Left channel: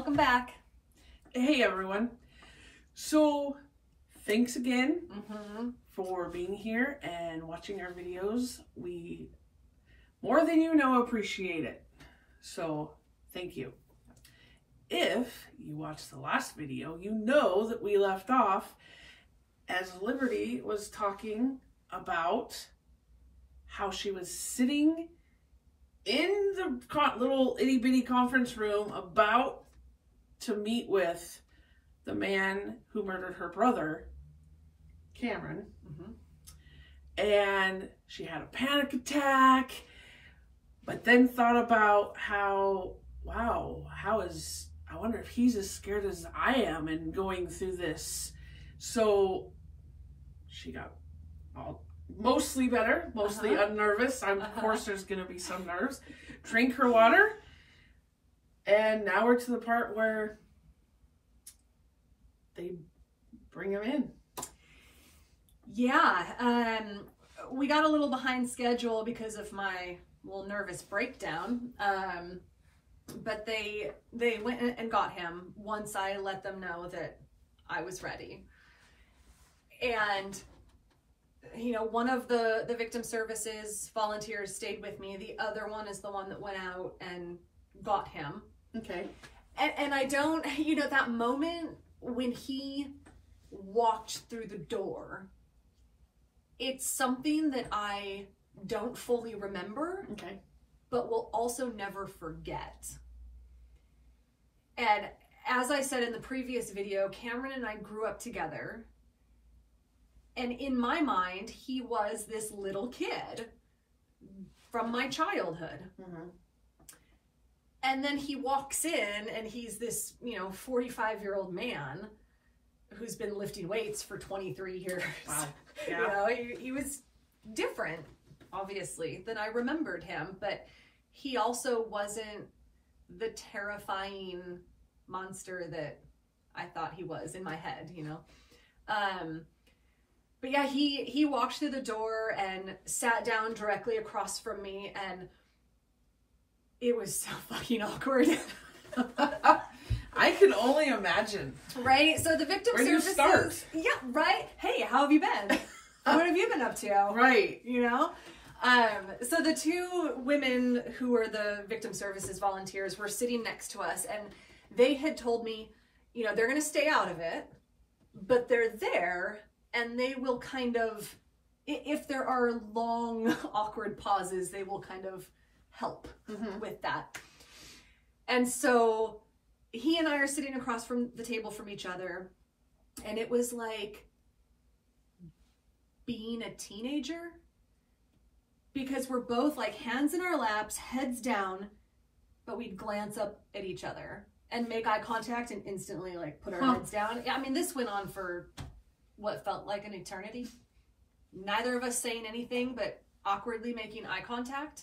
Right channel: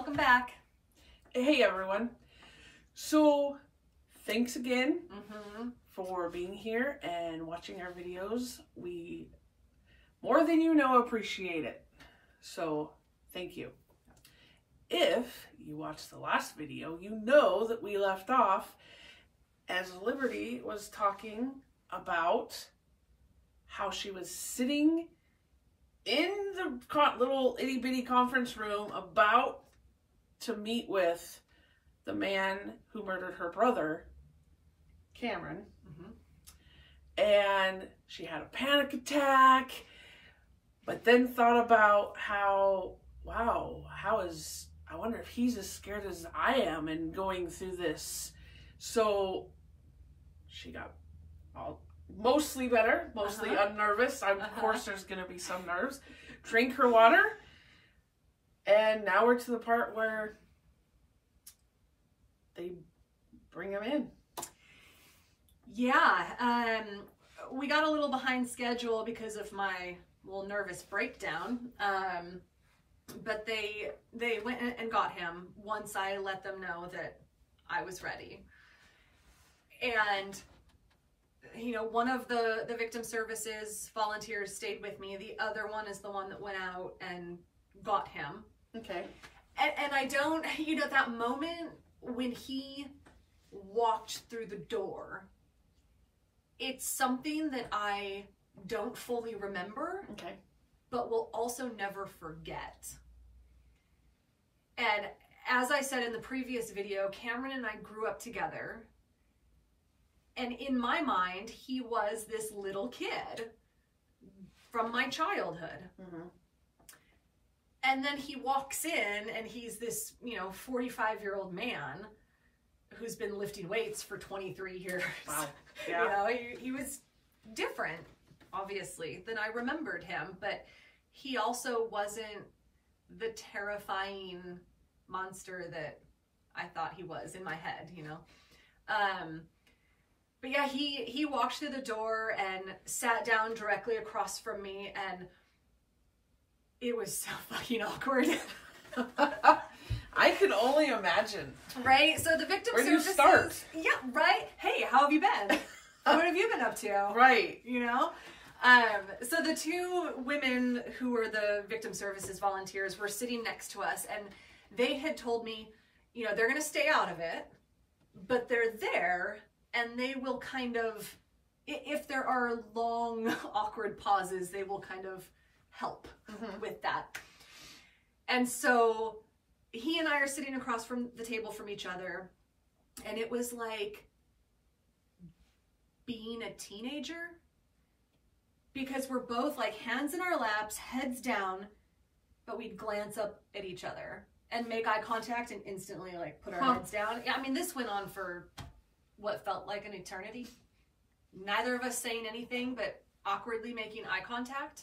Welcome back. Hey everyone. So thanks again for being here and watching our videos. We more than you know appreciate it. So thank you. If you watched the last video, you know that we left off as Liberty was talking about how she was sitting in the little itty bitty conference room about to meet with the man who murdered her brother, Cameron. And she had a panic attack, but then thought about how, wow, I wonder if he's as scared as I am and going through this. So she got mostly better, mostly unnervous. Of course there's going to be some nerves. Drink her water. And now we're to the part where they bring him in. Yeah, we got a little behind schedule because of my little nervous breakdown. But they went and got him once I let them know that I was ready. And you know, one of the victim services volunteers stayed with me. The other one is the one that went out and got him. Okay. And I don't, you know, that moment when he walked through the door, it's something that I don't fully remember, but will also never forget. And as I said in the previous video, Cameron and I grew up together. And in my mind, he was this little kid from my childhood. And then he walks in and he's this, you know, 45-year-old man who's been lifting weights for 23 years. Wow. Yeah. You know, he was different, obviously, than I remembered him. But he also wasn't the terrifying monster that I thought he was in my head, you know. But yeah, he walked through the door and sat down directly across from me, and it was so fucking awkward. I can only imagine. Right? So the victim services. Where do you start? Yeah, right? Hey, how have you been? What have you been up to? Right. You know? So the two women who were the victim services volunteers were sitting next to us, and they had told me, you know, they're going to stay out of it, but they're there, and they will kind of, if there are long, awkward pauses, they will kind of help with that. And so he and I are sitting across from the table from each other, and it was like being a teenager, because we're both like hands in our laps, heads down, but we'd glance up at each other and make eye contact and instantly like put our heads down. I mean, this went on for what felt like an eternity. Neither of us saying anything, but awkwardly making eye contact.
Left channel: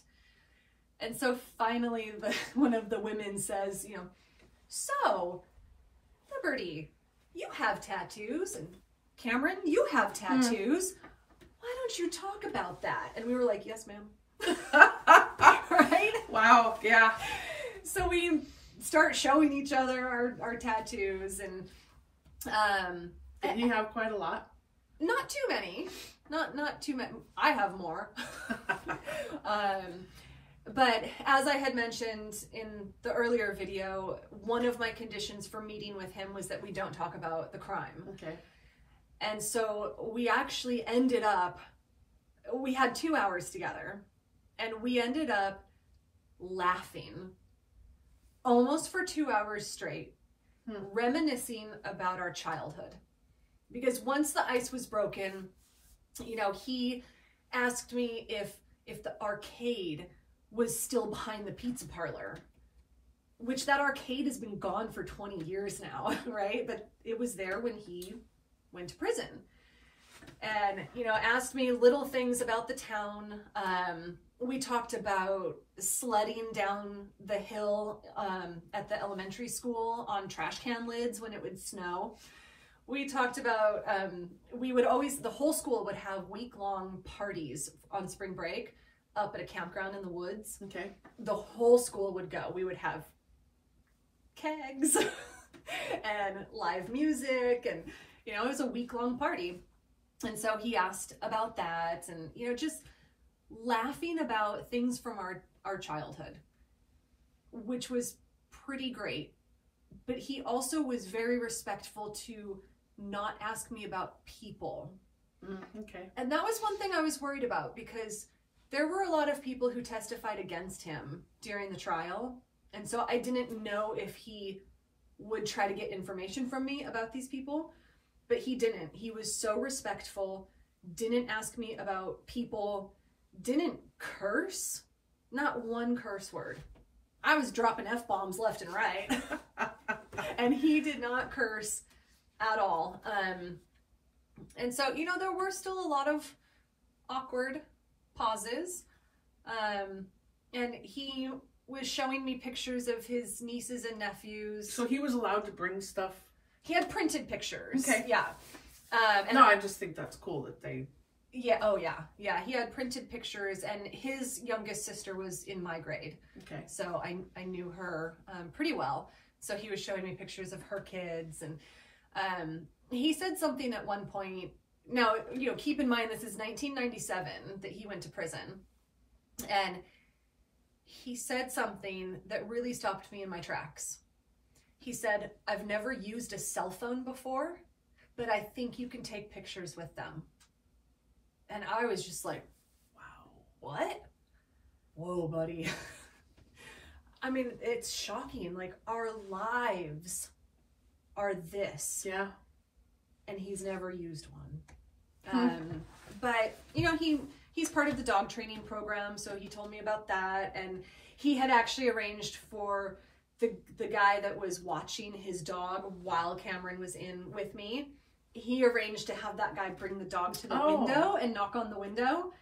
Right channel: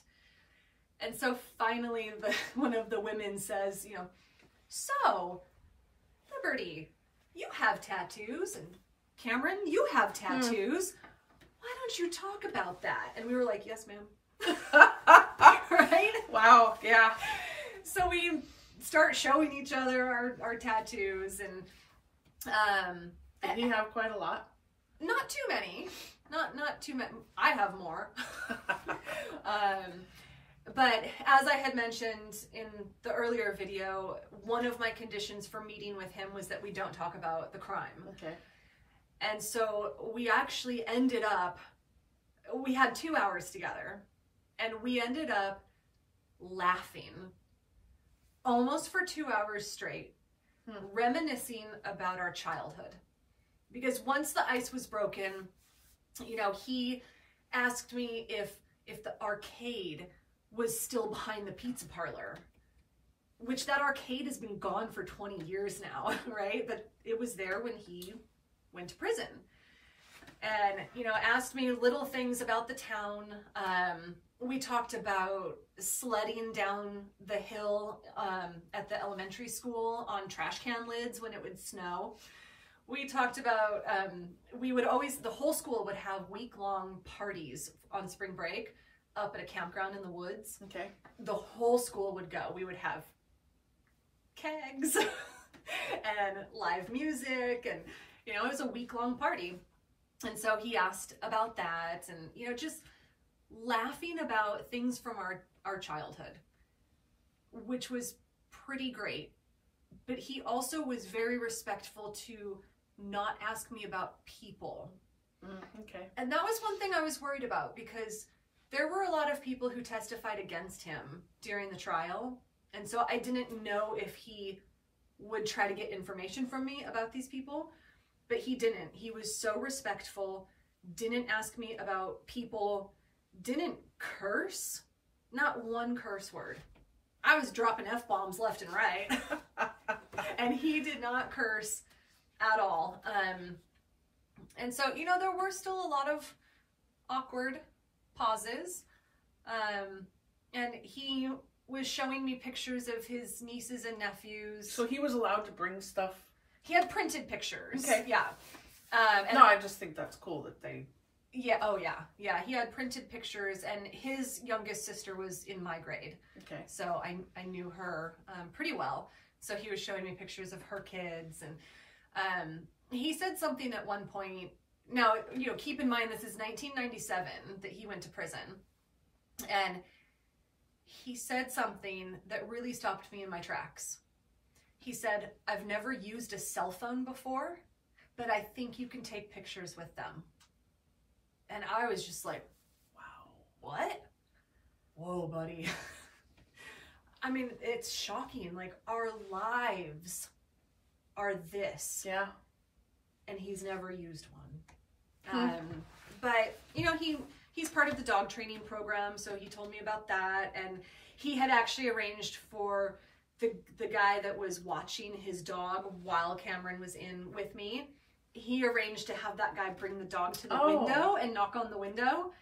And so finally, one of the women says, you know, so, Liberty, you have tattoos, and Cameron, you have tattoos. Why don't you talk about that? And we were like, yes, ma'am. Right? Wow, yeah. So we start showing each other our tattoos, and did he have quite a lot? Not too many. Not too many. I have more. But as I had mentioned in the earlier video, one of my conditions for meeting with him was that we don't talk about the crime. Okay. And so we actually ended up, we had 2 hours together, and we ended up laughing almost for 2 hours straight, reminiscing about our childhood. Because once the ice was broken, you know, he asked me if the arcade was still behind the pizza parlor, which that arcade has been gone for 20 years now, right? But it was there when he went to prison. And, you know, asked me little things about the town. We talked about sledding down the hill at the elementary school on trash can lids when it would snow. We talked about, we would always, the whole school would have week-long parties on spring break up at a campground in the woods. Okay. The whole school would go. We would have kegs and live music, and you know, it was a week-long party. And so he asked about that, and you know, just laughing about things from our childhood, which was pretty great. But he also was very respectful to not ask me about people. Okay. And that was one thing I was worried about, because there were a lot of people who testified against him during the trial. And so I didn't know if he would try to get information from me about these people, but he didn't. He was so respectful, didn't ask me about people, didn't curse, not one curse word. I was dropping F-bombs left and right. And he did not curse at all. And so, you know, there were still a lot of awkward pauses. And he was showing me pictures of his nieces and nephews. So he was allowed to bring stuff? He had printed pictures. Okay. Yeah. And no, I just think that's cool that they... Yeah, oh yeah. Yeah, he had printed pictures, and his youngest sister was in my grade. Okay. So I knew her pretty well. So he was showing me pictures of her kids, and he said something at one point. Now, you know, keep in mind, this is 1997 that he went to prison. And he said something that really stopped me in my tracks. He said, "I've never used a cell phone before, but I think you can take pictures with them." And I was just like, wow, what? Whoa, buddy. I mean, it's shocking. Like, our lives are this. Yeah. And he's never used one. But, you know, he's part of the dog training program, so he told me about that. And he had actually arranged for the guy that was watching his dog while Cameron was in with me. He arranged to have that guy bring the dog to the window and knock on the window.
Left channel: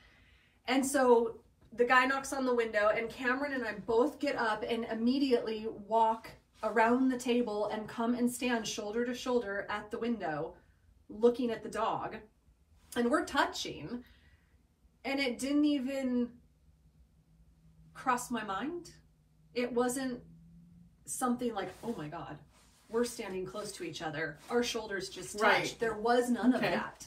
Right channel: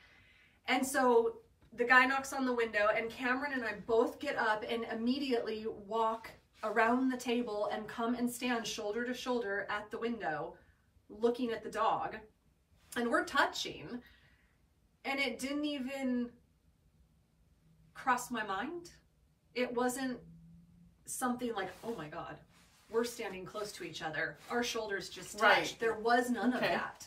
And so the guy knocks on the window, and Cameron and I both get up and immediately walk around the table and come and stand shoulder to shoulder at the window looking at the dog. And we're touching, and it didn't even cross my mind. It wasn't something like, oh my God, we're standing close to each other, our shoulders just touched. Right. There was none of that.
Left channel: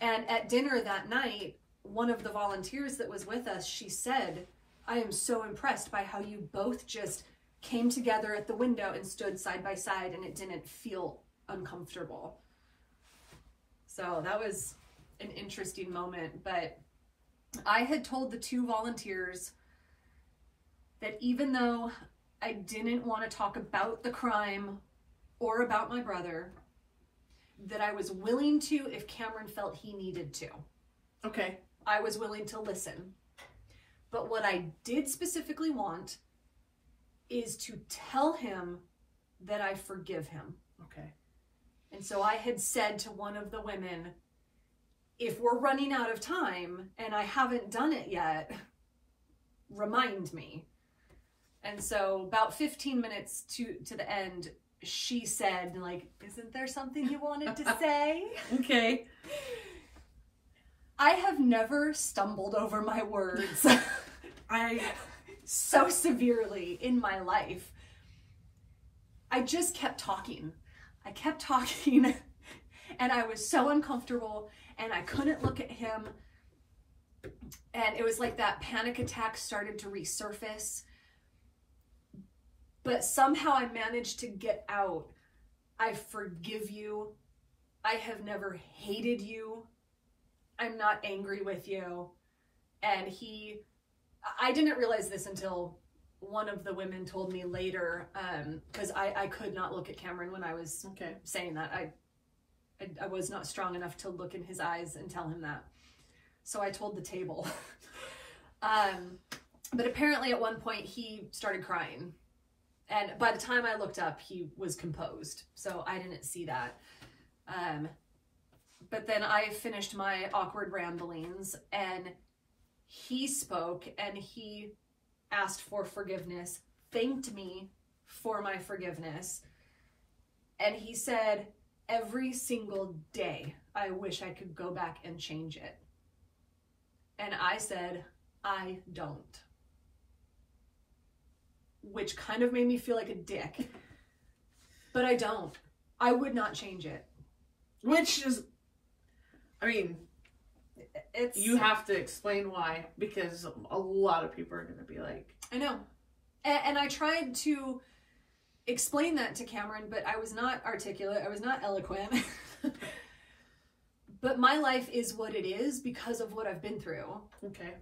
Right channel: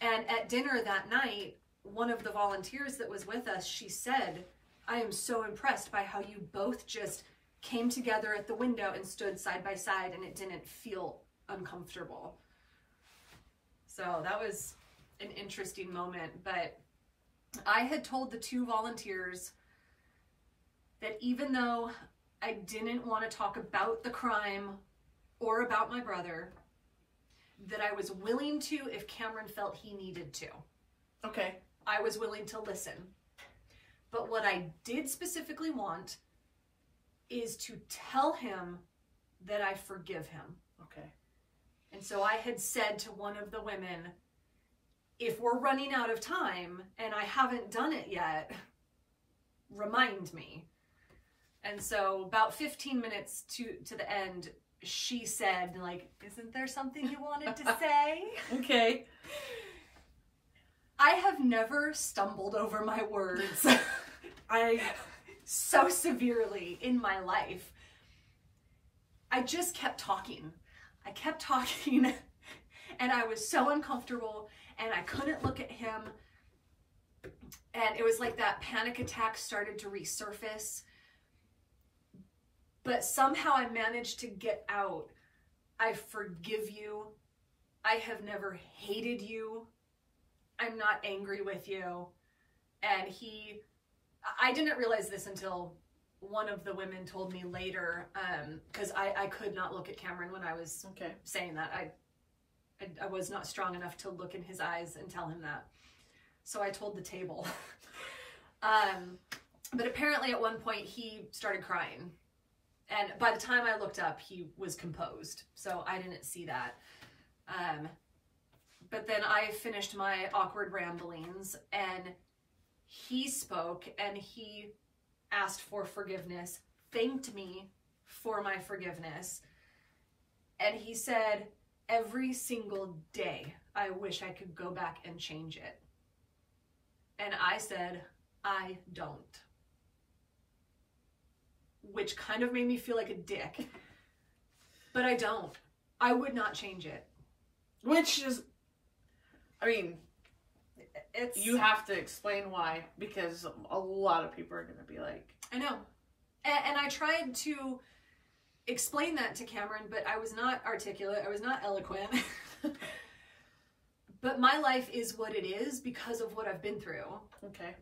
And at dinner that night, one of the volunteers that was with us, she said, "I am so impressed by how you both just came together at the window and stood side by side, and it didn't feel uncomfortable." So that was an interesting moment. But I had told the two volunteers that even though I didn't want to talk about the crime or about my brother, that I was willing to if Cameron felt he needed to. Okay. I was willing to listen. But what I did specifically want is to tell him that I forgive him. Okay. And so I had said to one of the women, if we're running out of time and I haven't done it yet, remind me. And so about 15 minutes to the end, she said, like, "Isn't there something you wanted to say?" Okay. I have never stumbled over my words so severely in my life. I just kept talking. I kept talking, and I was so uncomfortable, and I couldn't look at him. And it was like that panic attack started to resurface. But somehow I managed to get out, "I forgive you. I have never hated you. I'm not angry with you." And I didn't realize this until one of the women told me later, because I could not look at Cameron when I was saying that. I was not strong enough to look in his eyes and tell him that. So I told the table. But apparently at one point he started crying. And by the time I looked up, he was composed. So I didn't see that. But then I finished my awkward ramblings, and he spoke, and he asked for forgiveness, thanked me for my forgiveness. And he said, "Every single day, I wish I could go back and change it." And I said, "I don't." which kind of made me feel like a dick. But I don't. I would not change it. Which is, I mean, it's... You have to explain why, because a lot of people are going to be like... I know. And I tried to explain that to Cameron, but I was not articulate. I was not eloquent. But my life is what it is because of what I've been through. Okay.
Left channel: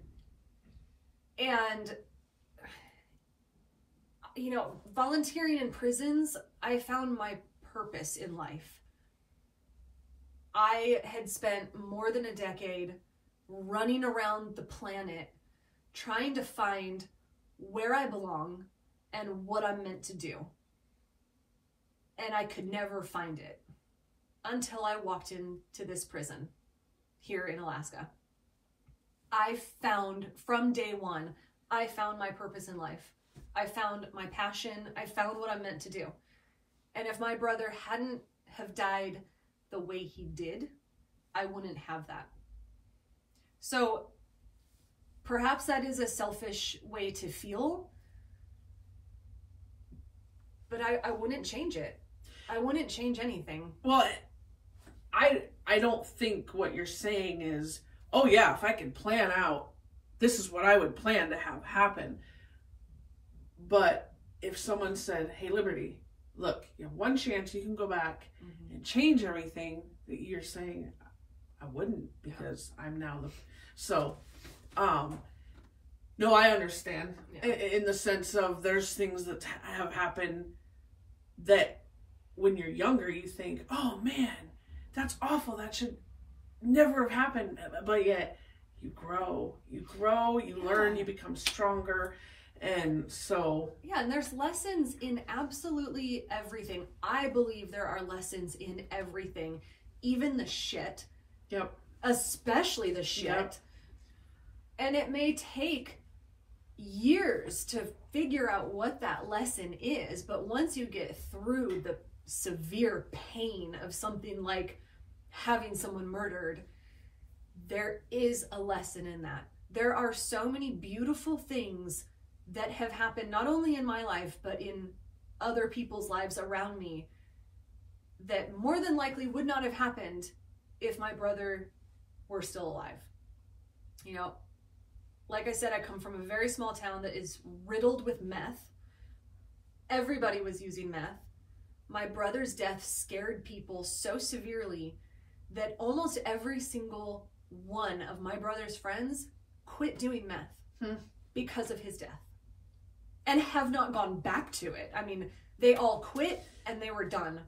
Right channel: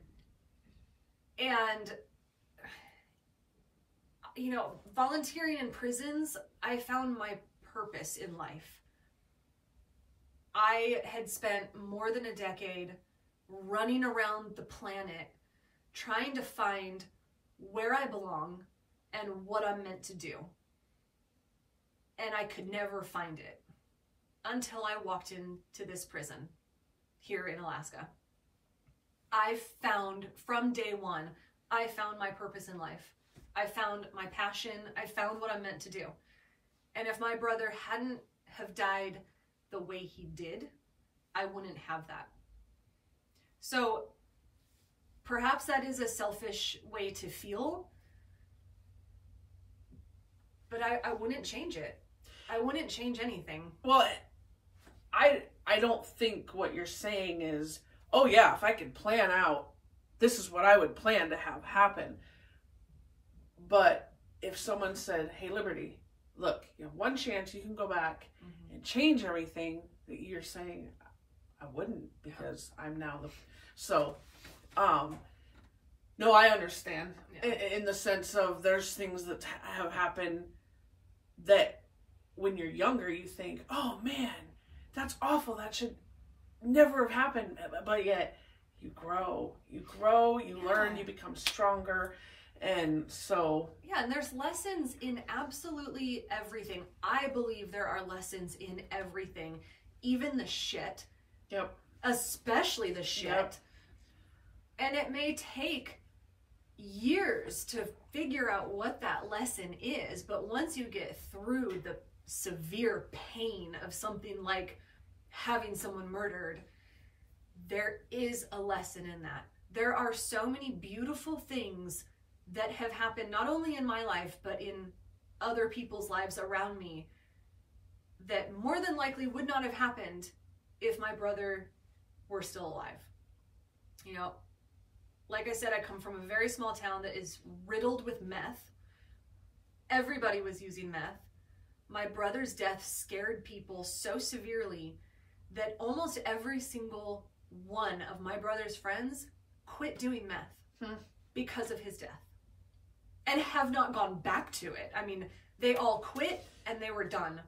And, you know, volunteering in prisons, I found my purpose in life. I had spent more than a decade running around the planet trying to find where I belong and what I'm meant to do. And I could never find it until I walked into this prison here in Alaska. I found, from day one, I found my purpose in life. I found my passion. I found what I'm meant to do. And if my brother hadn't have died the way he did, I wouldn't have that. So perhaps that is a selfish way to feel, but I wouldn't change it. I wouldn't change anything. Well, I don't think what you're saying is, oh yeah, if I could plan out, this is what I would plan to have happen. But if someone said, hey, Liberty, look, you have one chance, you can go back and change everything, that you're saying, I wouldn't, because I'm now the... So, no, I understand. Yeah. In the sense of there's things that have happened that when you're younger, you think, oh man, that's awful. That should never have happened. But yet you grow, you learn, you become stronger. And so... Yeah, and there's lessons in absolutely everything. I believe there are lessons in everything. Even the shit. Yep. Especially the shit. Yep. And it may take years to figure out what that lesson is, but once you get through the severe pain of something like having someone murdered, there is a lesson in that. There are so many beautiful things that have happened not only in my life, but in other people's lives around me that more than likely would not have happened if my brother were still alive. You know, like I said, I come from a very small town that is riddled with meth. Everybody was using meth. My brother's death scared people so severely that almost every single one of my brother's friends quit doing meth because of his death and have not gone back to it. I mean, they all quit and they were done.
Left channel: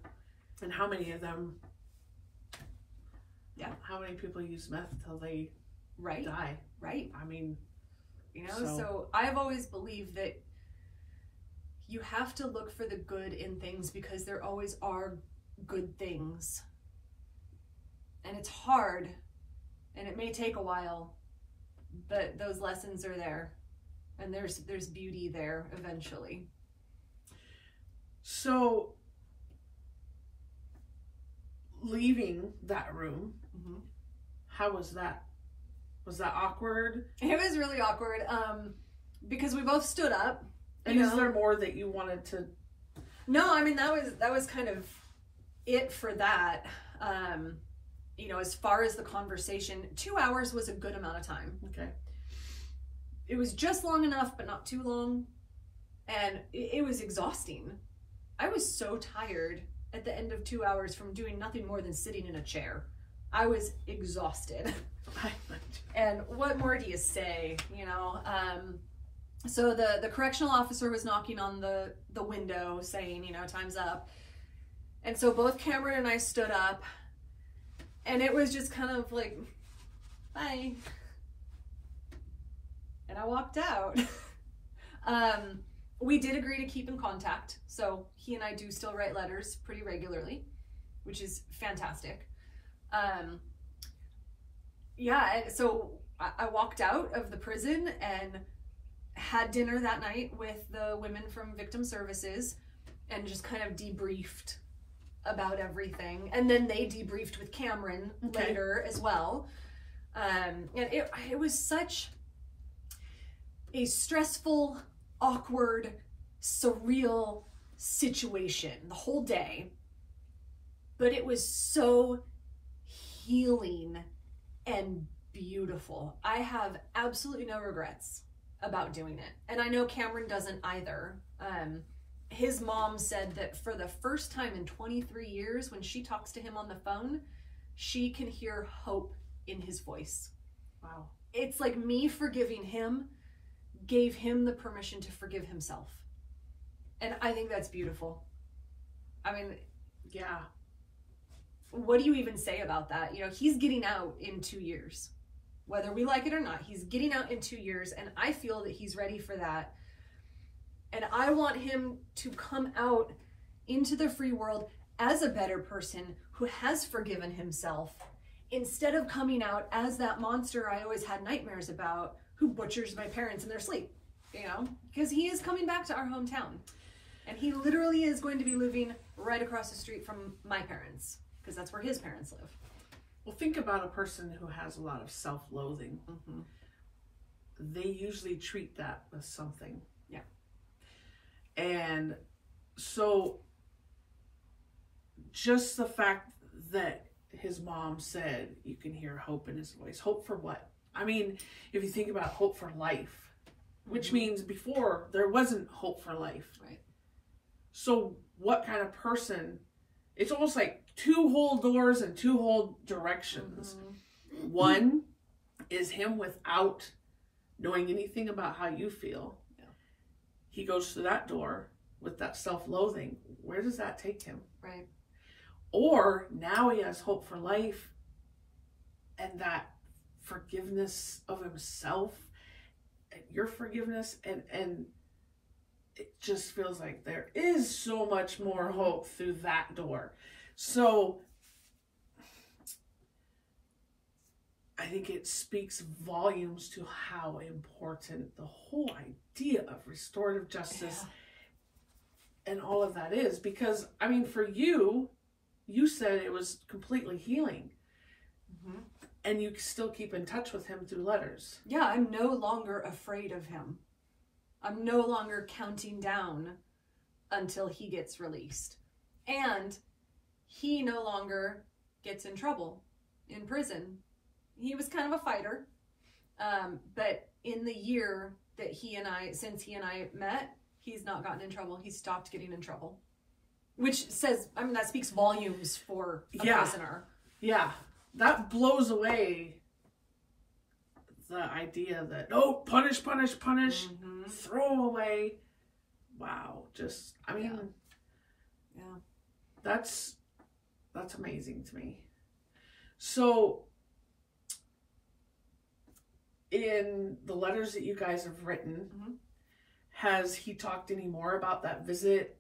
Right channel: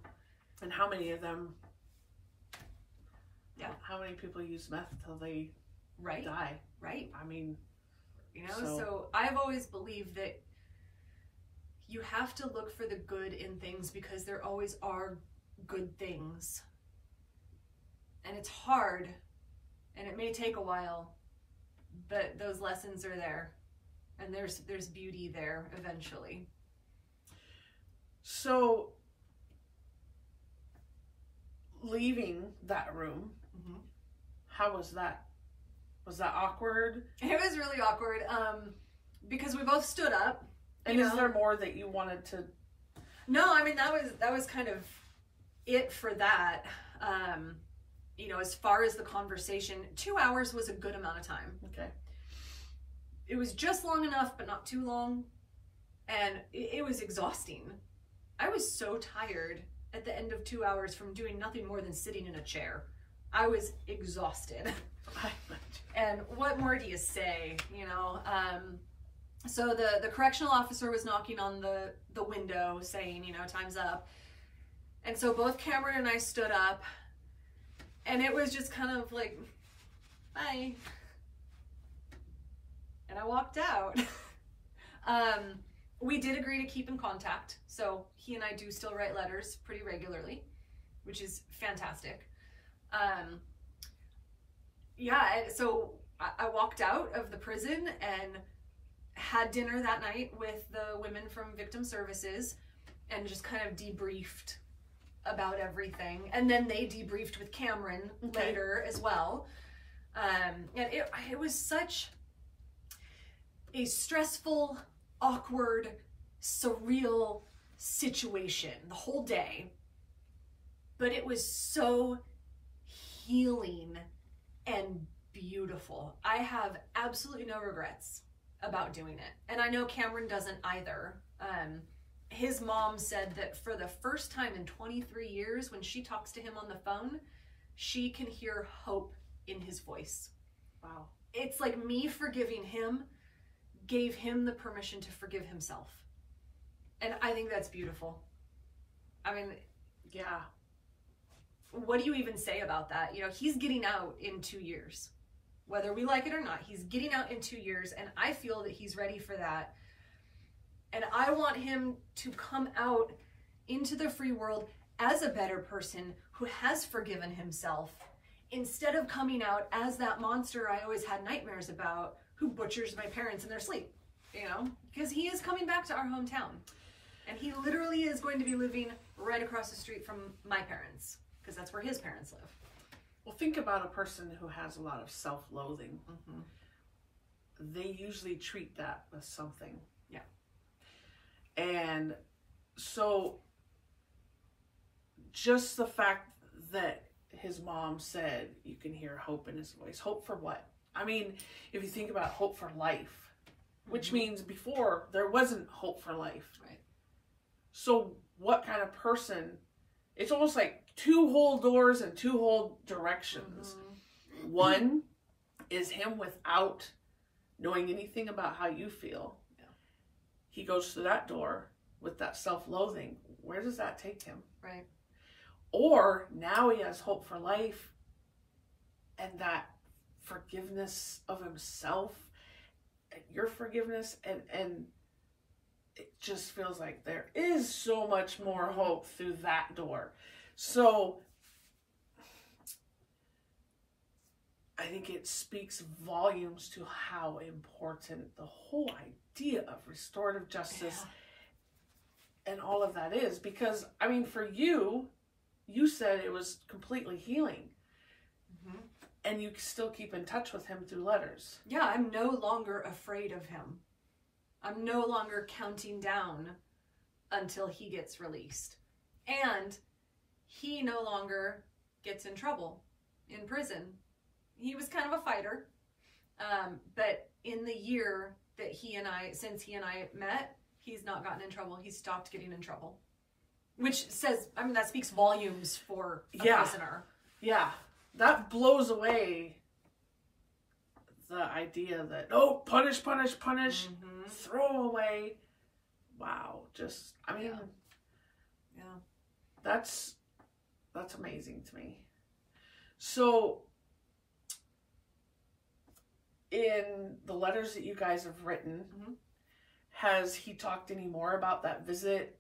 And how many of them... Yeah, how many people use meth till they die? Right. I mean, you know, so I've always believed that you have to look for the good in things because there always are good things. And it's hard and it may take a while, but those lessons are there and there's beauty there eventually. So leaving that room, how was that? Was that awkward? It was really awkward because we both stood up. And is there more that you wanted to? No, I mean, that was kind of it for that. You know, as far as the conversation, 2 hours was a good amount of time. Okay. It was just long enough, but not too long. And it was exhausting. I was so tired at the end of 2 hours from doing nothing more than sitting in a chair. I was exhausted. And what more do you say, you know? So the correctional officer was knocking on the window saying, you know, time's up. And so both Cameron and I stood up and it was just kind of like, bye. And I walked out. We did agree to keep in contact. So he and I do still write letters pretty regularly, which is fantastic. Yeah, so I walked out of the prison and had dinner that night with the women from Victim Services and just kind of debriefed about everything. And then they debriefed with Cameron later as well. And it was such a stressful, awkward, surreal situation the whole day, but it was so healing and beautiful. I have absolutely no regrets about doing it. And I know Cameron doesn't either. His mom said that for the first time in 23 years, when she talks to him on the phone, she can hear hope in his voice. Wow. It's like me forgiving him gave him the permission to forgive himself. And I think that's beautiful. I mean, yeah. What do you even say about that? You know, he's getting out in 2 years. Whether we like it or not, he's getting out in 2 years, and I feel that he's ready for that. And I want him to come out into the free world as a better person who has forgiven himself, instead of coming out as that monster I always had nightmares about, who butchers my parents in their sleep, you know? Because he is coming back to our hometown. And he literally is going to be living right across the street from my parents, because that's where his parents live. Well, think about a person who has a lot of self-loathing. Mm-hmm. They usually treat that with something. Yeah. And so just the fact that his mom said you can hear hope in his voice. Hope for what? I mean, if you think about hope for life, which Mm-hmm. means before there wasn't hope for life. Right. So what kind of person? It's almost like two whole doors and two whole directions. Mm-hmm. One is him without knowing anything about how you feel. Yeah. He goes through that door with that self-loathing. Where does that take him? Right. Or now he has hope for life and that forgiveness of himself, your forgiveness, and it just feels like there is so much more hope through that door. So I think it speaks volumes to how important the whole idea of restorative justice and all of that is. Because, I mean, for you, you said it was completely healing. Mm-hmm. And you still keep in touch with him through letters. Yeah, I'm no longer afraid of him. I'm no longer counting down until he gets released. And he no longer gets in trouble in prison. He was kind of a fighter. But in the year that since he and I met, he's not gotten in trouble. He's stopped getting in trouble. Which says, I mean, that speaks volumes for a prisoner. Yeah. That blows away the idea that, oh, punish, Mm-hmm. throw away. Wow. Just, I mean, yeah. That's amazing to me. So, in the letters that you guys have written, Mm-hmm. has he talked any more about that visit?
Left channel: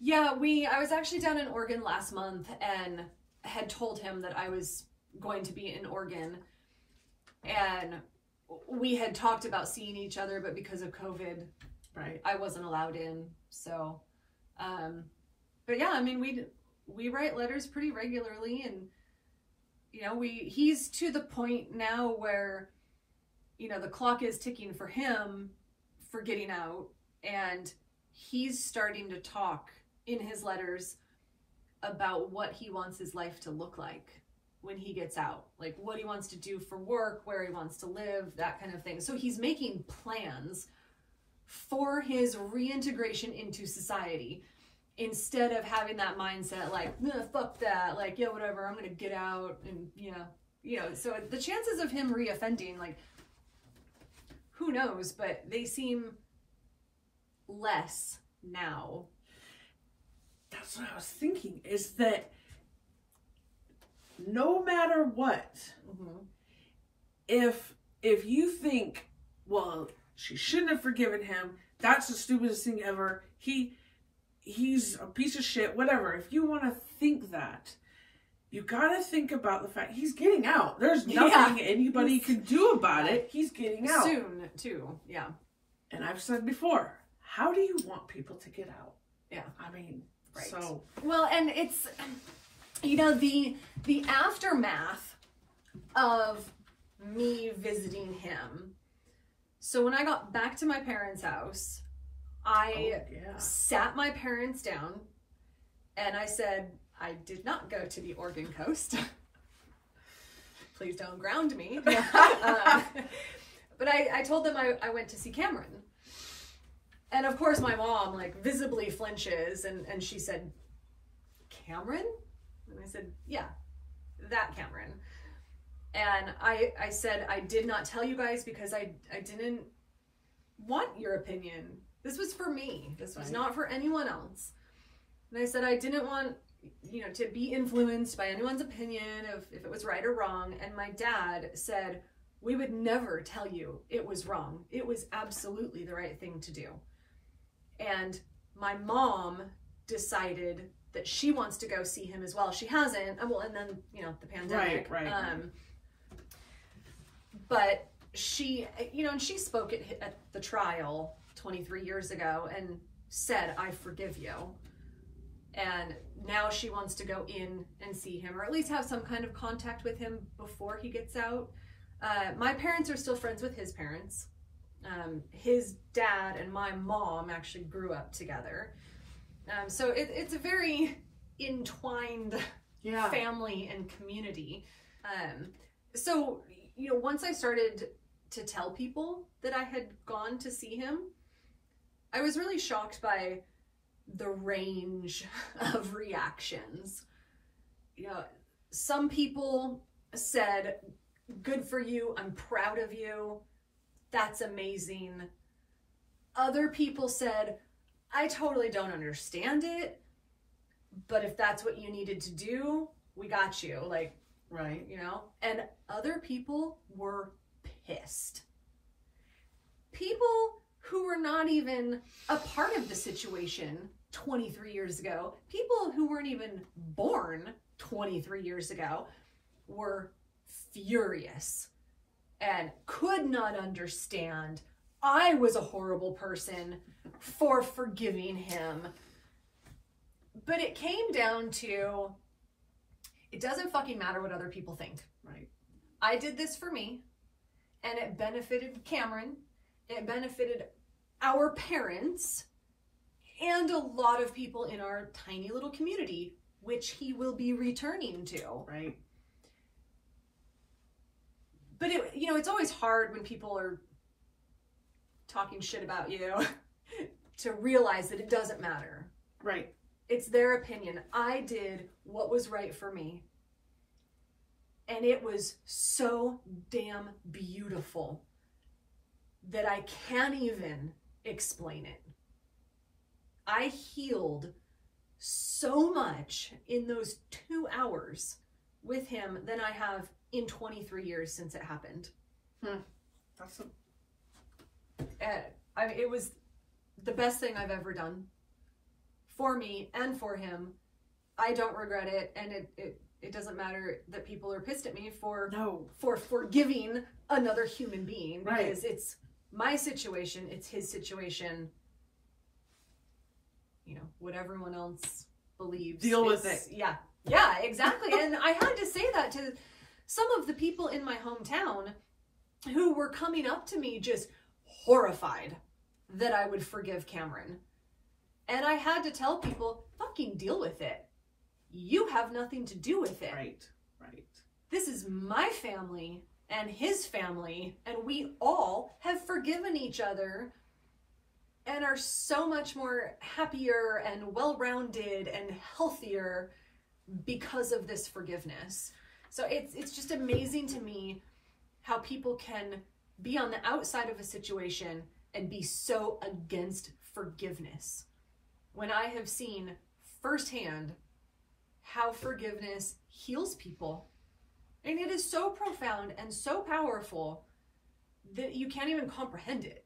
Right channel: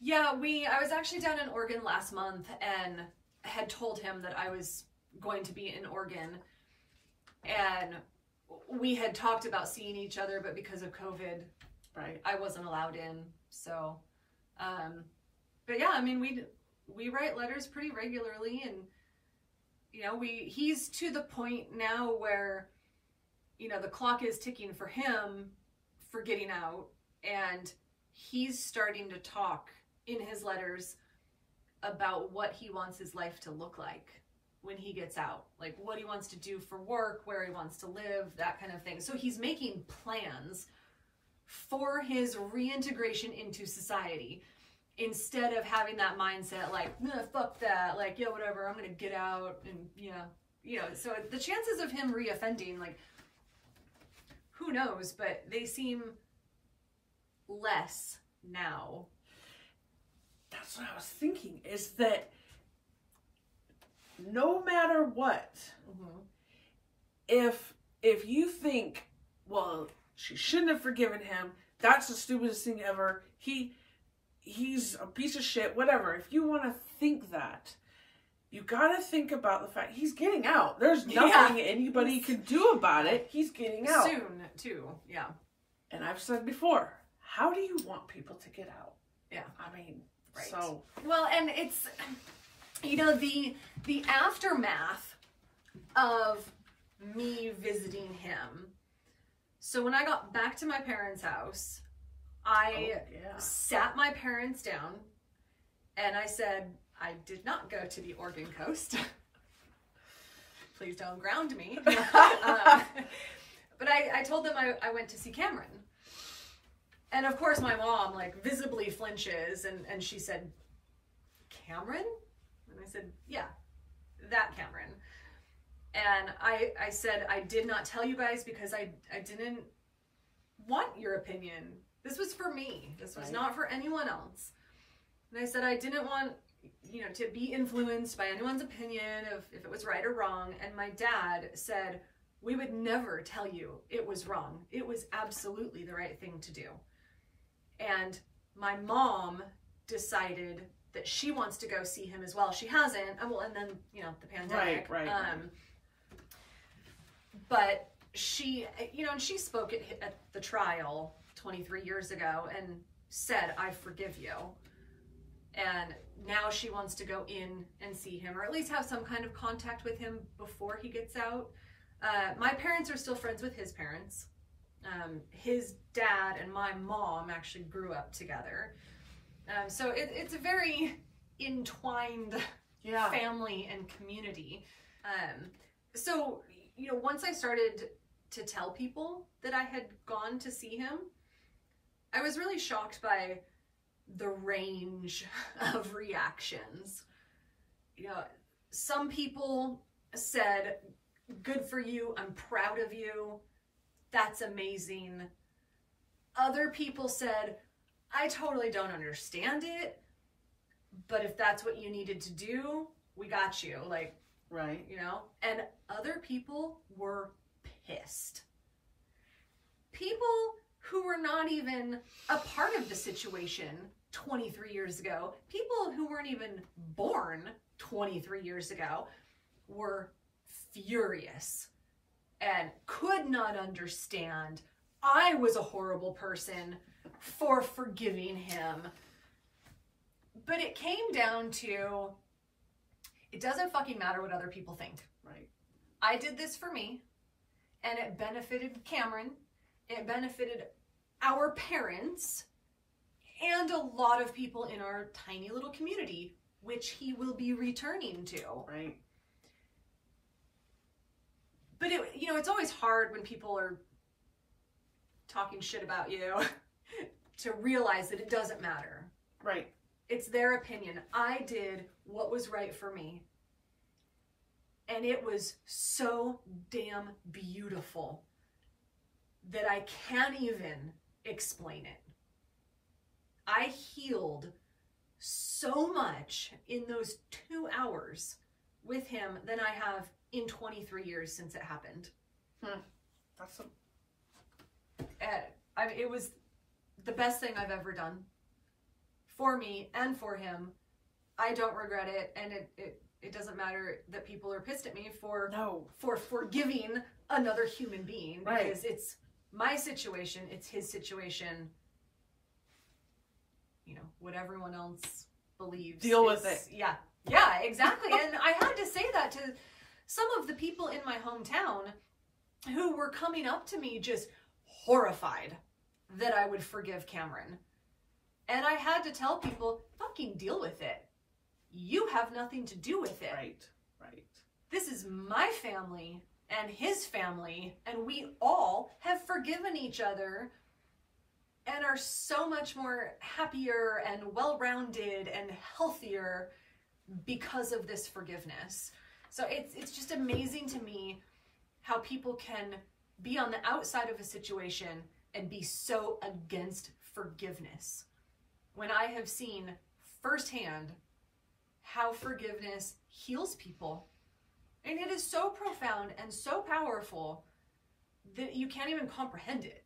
Yeah, I was actually down in Oregon last month and had told him that I was going to be in Oregon, and we had talked about seeing each other, but because of COVID, right, I wasn't allowed in. So, but yeah, I mean, we write letters pretty regularly, and you know, he's to the point now where, you know, the clock is ticking for him for getting out, and he's starting to talk in his letters about what he wants his life to look like when he gets out, like what he wants to do for work, where he wants to live, that kind of thing. So he's making plans for his reintegration into society, instead of having that mindset like, nah, fuck that, like, yeah, whatever, I'm gonna get out. And you know, so the chances of him reoffending, like, who knows, but they seem less now. That's what I was thinking, is that no matter what, Mm-hmm. if you think, well, she shouldn't have forgiven him, that's the stupidest thing ever, he's a piece of shit, whatever, if you want to think that, you gotta think about the fact he's getting out. There's nothing anybody can do about it. He's getting out. Soon, too. Yeah. And I've said before, how do you want people to get out? Yeah. I mean, right. So. Well, and it's, you know, the aftermath of me visiting him. So when I got back to my parents' house, I sat my parents down and I said, I did not go to the Oregon coast. Please don't ground me. But I told them I went to see Cameron. And of course my mom like visibly flinches and she said, Cameron? And I said, yeah, that Cameron. And I said, I did not tell you guys because I didn't want your opinion. This was for me. This was not for anyone else. And I said, I didn't want, to be influenced by anyone's opinion of if it was right or wrong. And my dad said, we would never tell you it was wrong. It was absolutely the right thing to do. And my mom decided that she wants to go see him as well. She hasn't. Well, and then, the pandemic. Right. But she, and she spoke at the trial 23 years ago and said, I forgive you. And now she wants to go in and see him, or at least have some kind of contact with him before he gets out. My parents are still friends with his parents. His dad and my mom actually grew up together. So it's a very entwined family and community. So, once I started to tell people that I had gone to see him, I was really shocked by the range of reactions. Some people said, good for you, I'm proud of you, that's amazing. Other people said, I totally don't understand it, but if that's what you needed to do, we got you. Right. And other people were pissed. People who were not even a part of the situation 23 years ago, people who weren't even born 23 years ago, were furious and could not understand I was a horrible person for forgiving him. But it came down to, it doesn't fucking matter what other people think. Right. I did this for me, and it benefited Cameron. It benefited our parents and a lot of people in our tiny little community, which he will be returning to. Right. But it's always hard when people are talking shit about you to realize that it doesn't matter. Right. It's their opinion. I did what was right for me. And it was so damn beautiful that I can't even explain it. I healed so much in those 2 hours with him than I have in 23 years since it happened. That's it was the best thing I've ever done for me and for him. I don't regret it, and it doesn't matter that people are pissed at me for forgiving another human being, because it's my situation, it's his situation. What everyone else believes. Deal with it. Yeah, exactly. And I had to say that to some of the people in my hometown who were coming up to me just horrified that I would forgive Cameron. And I had to tell people, fucking deal with it. You have nothing to do with it. Right. This is my family and his family, and we all have forgiven each other and are so much more happier and well-rounded and healthier because of this forgiveness. So it's just amazing to me how people can be on the outside of a situation and be so against forgiveness, when I have seen firsthand how forgiveness heals people. And it is so profound and so powerful that you can't even comprehend it.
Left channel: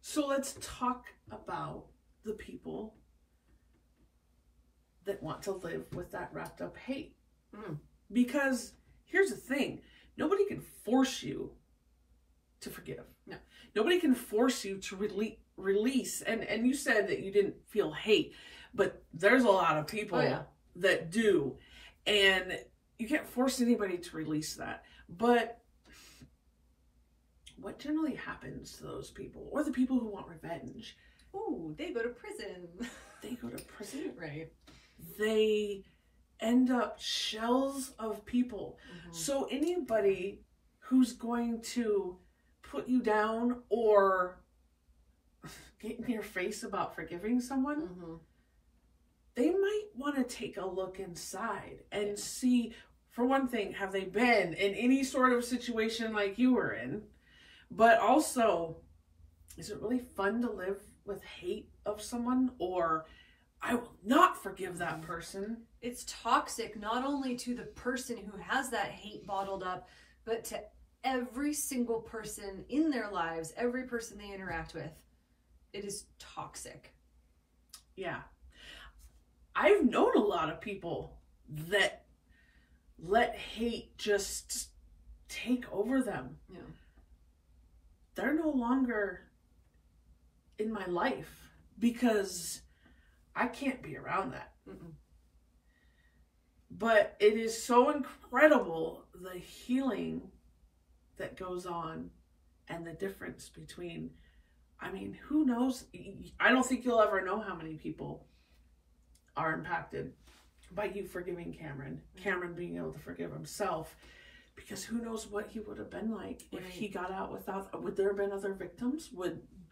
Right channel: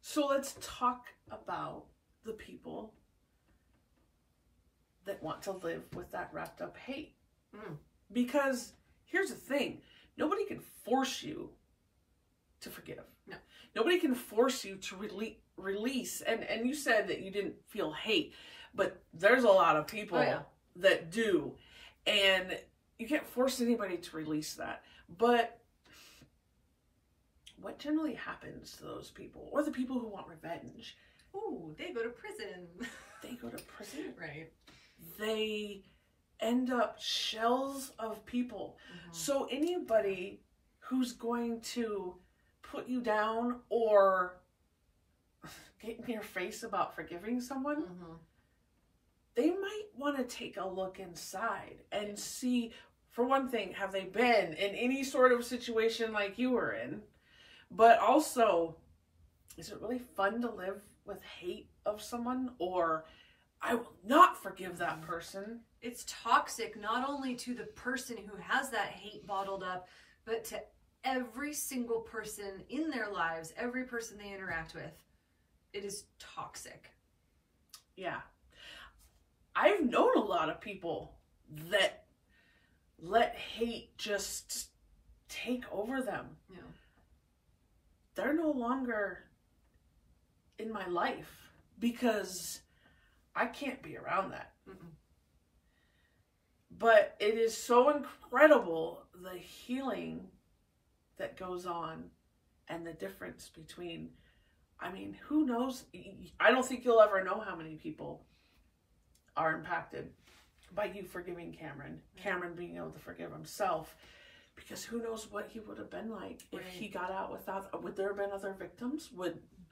So let's talk about the people that want to live with that wrapped up hate. Because here's the thing, nobody can force you to forgive. No. Nobody can force you to release. And you said that you didn't feel hate, but there's a lot of people that do. And you can't force anybody to release that. But what generally happens to those people, or the people who want revenge? Ooh, they go to prison. They go to prison. Right. They end up shells of people. So anybody who's going to put you down or get in your face about forgiving someone, they might want to take a look inside and see, for one thing, have they been in any sort of situation like you were in? But also, is it really fun to live with hate of someone? Or, I will not forgive that person. It's toxic, not only to the person who has that hate bottled up, but to every single person in their lives, every person they interact with. It is toxic. Yeah. I've known a lot of people that let hate just take over them. Yeah. They're no longer in my life because I can't be around that. But it is so incredible, the healing that goes on and the difference between, I mean, who knows? I don't think you'll ever know how many people are impacted by you forgiving Cameron. Cameron being able to forgive himself, because who knows what he would have been like if he got out without, would there have been other victims?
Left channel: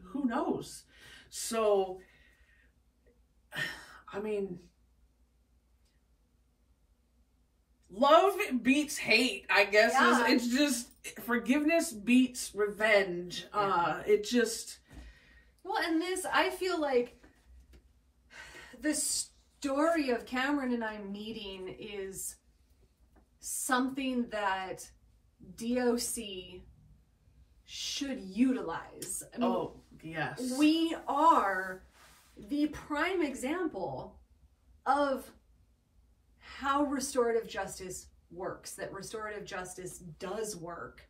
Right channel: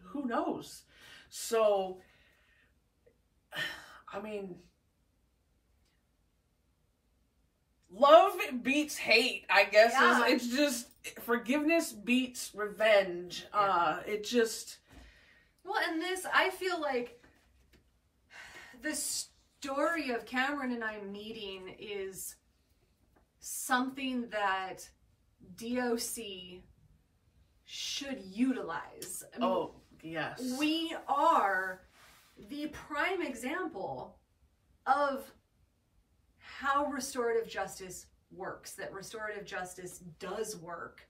Who knows? So, I mean, love beats hate, I guess. Yeah. It's just, forgiveness beats revenge. It just... Well, and this, I feel like the story of Cameron and I meeting is something that DOC should utilize. I mean, oh, yes. We are the prime example of how restorative justice works, that restorative justice does work,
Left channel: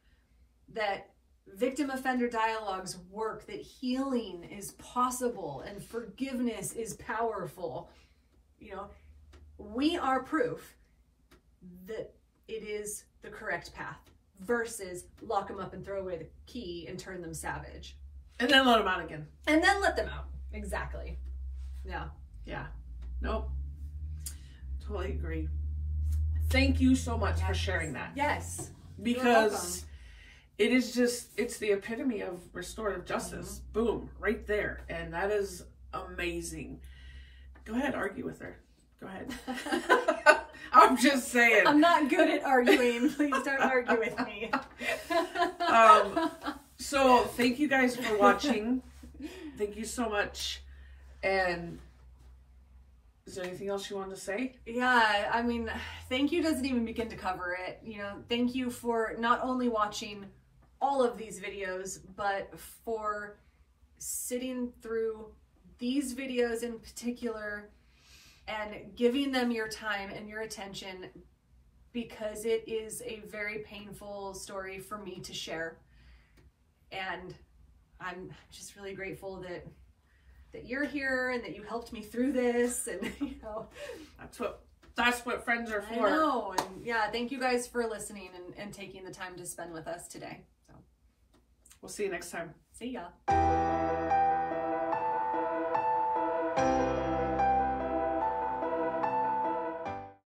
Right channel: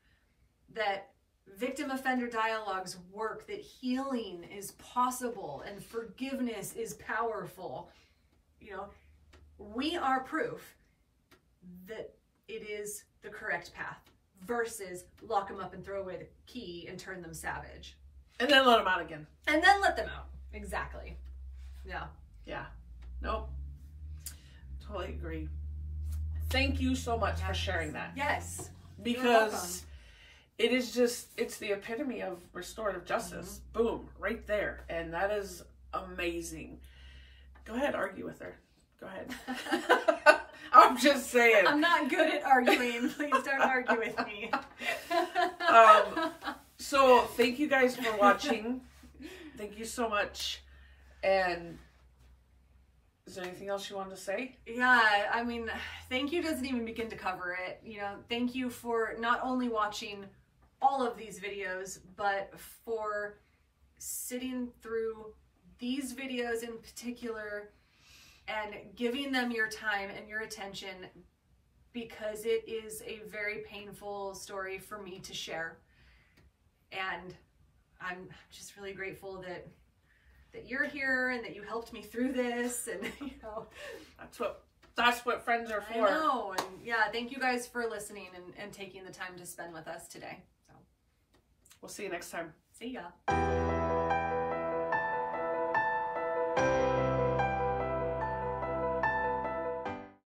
that victim offender dialogues work, that healing is possible and forgiveness is powerful. You know, we are proof that it is the correct path versus lock them up and throw away the key and turn them savage. And then let them out again. And then let them out. Exactly. Yeah. Yeah. Nope. Totally agree. Thank you so much for sharing that. Yes. Because it is just, it's the epitome of restorative justice. Boom, right there. And that is amazing. Go ahead, argue with her. Go ahead. I'm just saying. I'm not good at arguing. Please don't argue with me. So thank you guys for watching. Thank you so much. And is there anything else you wanted to say? Yeah, I mean, thank you doesn't even begin to cover it. You know, thank you for not only watching all of these videos, but for sitting through these videos in particular and giving them your time and your attention, because it is a very painful story for me to share. And I'm just really grateful that you're here and that you helped me through this. And you know, that's what friends are for. I know. And yeah, thank you guys for listening and taking the time to spend with us today. So we'll see you next time. See ya.